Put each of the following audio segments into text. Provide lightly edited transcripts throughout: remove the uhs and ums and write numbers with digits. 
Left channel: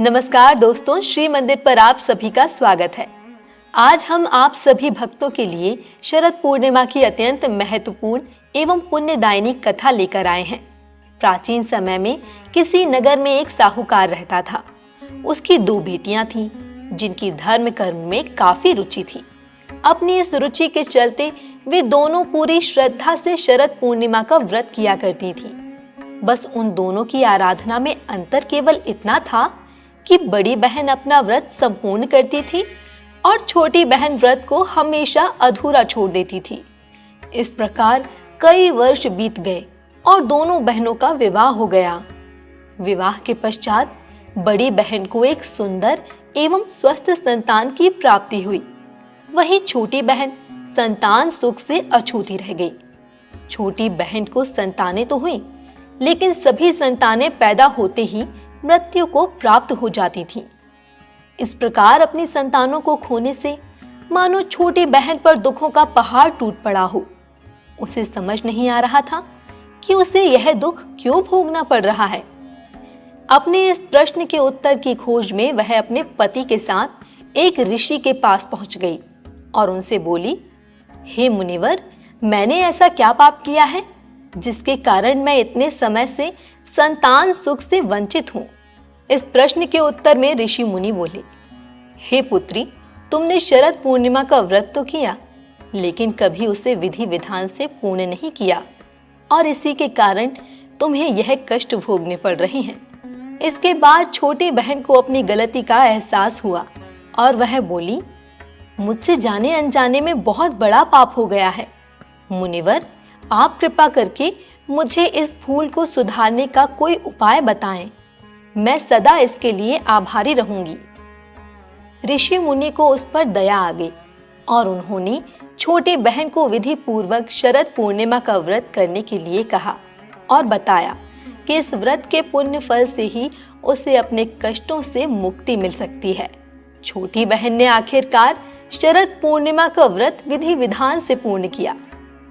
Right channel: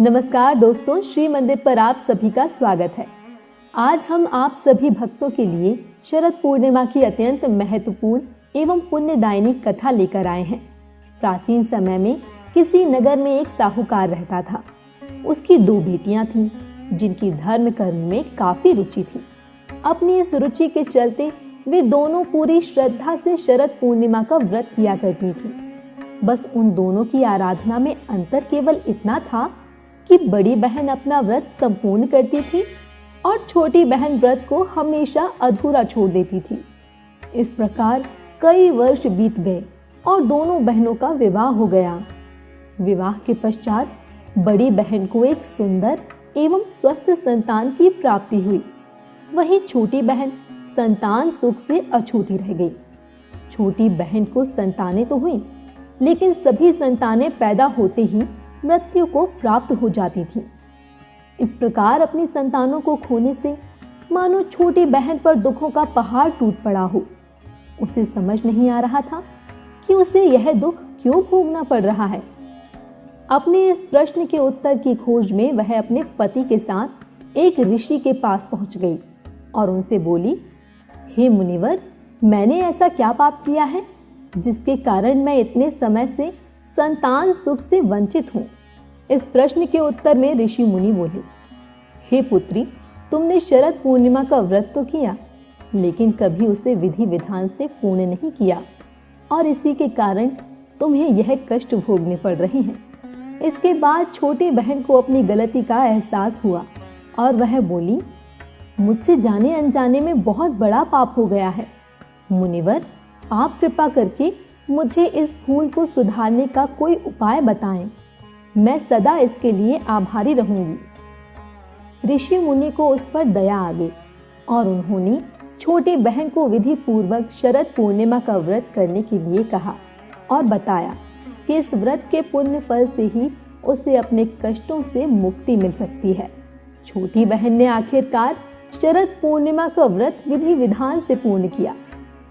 नमस्कार दोस्तों, श्री मंदिर पर आप सभी का स्वागत है। आज हम आप सभी भक्तों के लिए शरद पूर्णिमा की अत्यंत महत्वपूर्ण एवं पुण्यदायिनी कथा लेकर आए हैं। प्राचीन समय में किसी नगर में एक साहूकार रहता था। उसकी 2 बेटियां थीं, जिनकी धर्म कर्म में काफी रुचि थी। अपनी इस रुचि के चलते वे दोनों पूरी श्रद्धा से शरद पूर्णिमा का व्रत किया करती थीं। बस उन दोनों की आराधना में अंतर केवल इतना था कि बड़ी बहन अपना व्रत संपूर्ण करती थी और छोटी बहन व्रत को हमेशा अधूरा छोड़ देती थी। इस प्रकार कई वर्ष बीत गए और दोनों बहनों का विवाह हो गया। विवाह के पश्चात बड़ी बहन को एक सुंदर एवं स्वस्थ संतान की प्राप्ति हुई। वहीं छोटी बहन संतान सुख से अछूती रह गई। छोटी बहन को संतानें तो हुई, लेकिन सभी संतानें पैदा होते ही मृत्यु को प्राप्त हो जाती थीं। इस प्रकार अपनी संतानों को खोने से मानो छोटी बहन पर दुखों का पहाड़ टूट पड़ा हो। उसे समझ नहीं आ रहा था कि उसे यह दुख क्यों भोगना पड़ रहा है। अपने इस प्रश्न के उत्तर की खोज में वह अपने पति के साथ एक ऋषि के पास पहुंच गई और उनसे बोली, हे मुनिवर, मैंने ऐसा क्या पाप किया है जिसके कारण मैं इतने समय से संतान सुख से वंचित हूं। इस प्रश्न के उत्तर में ऋषि मुनि बोले, हे पुत्री, तुमने शरद पूर्णिमा का व्रत तो किया, लेकिन कभी उसे विधि विधान से पूर्ण नहीं किया और इसी के कारण तुम्हें यह कष्ट भोगने पड़ रहे हैं। इसके बाद छोटी बहन को अपनी गलती का एहसास हुआ और वह बोली, मुझसे जाने अनजाने में बहुत बड़ा पाप हो गया है। मुनिवर, आप कृपा करके मुझे इस भूल को सुधारने का कोई उपाय बताएं। मैं सदा इसके लिए आभारी रहूंगी। ऋषि मुनि को उस पर दया आ गई और उन्होंने छोटी बहन को विधि पूर्वक शरद पूर्णिमा का व्रत करने के लिए कहा और बताया कि इस व्रत के पुण्य फल से ही उसे अपने कष्टों से मुक्ति मिल सकती है। छोटी बहन ने आखिरकार शरद पूर्णिमा का व्रत विधि विधान से पूर्ण किया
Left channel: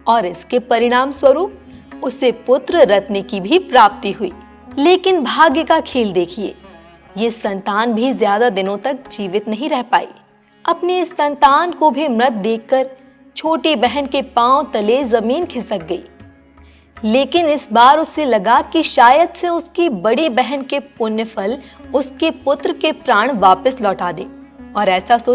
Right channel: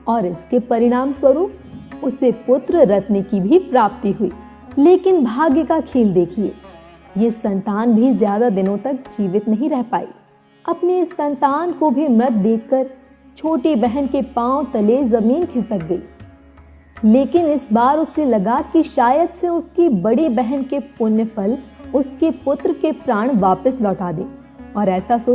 और इसके परिणाम स्वरूप उसे पुत्र रत्न की भी प्राप्ति हुई। लेकिन भाग्य का खेल देखिए, ये संतान भी ज्यादा दिनों तक जीवित नहीं रह पाई। अपनी इस संतान को भी मृत देखकर छोटी बहन के पांव तले जमीन खिसक गई। लेकिन इस बार उसे लगा कि शायद से उसकी बड़ी बहन के पुण्य फल उसके पुत्र के प्राण वापस लौटा दे, और ऐसा सोच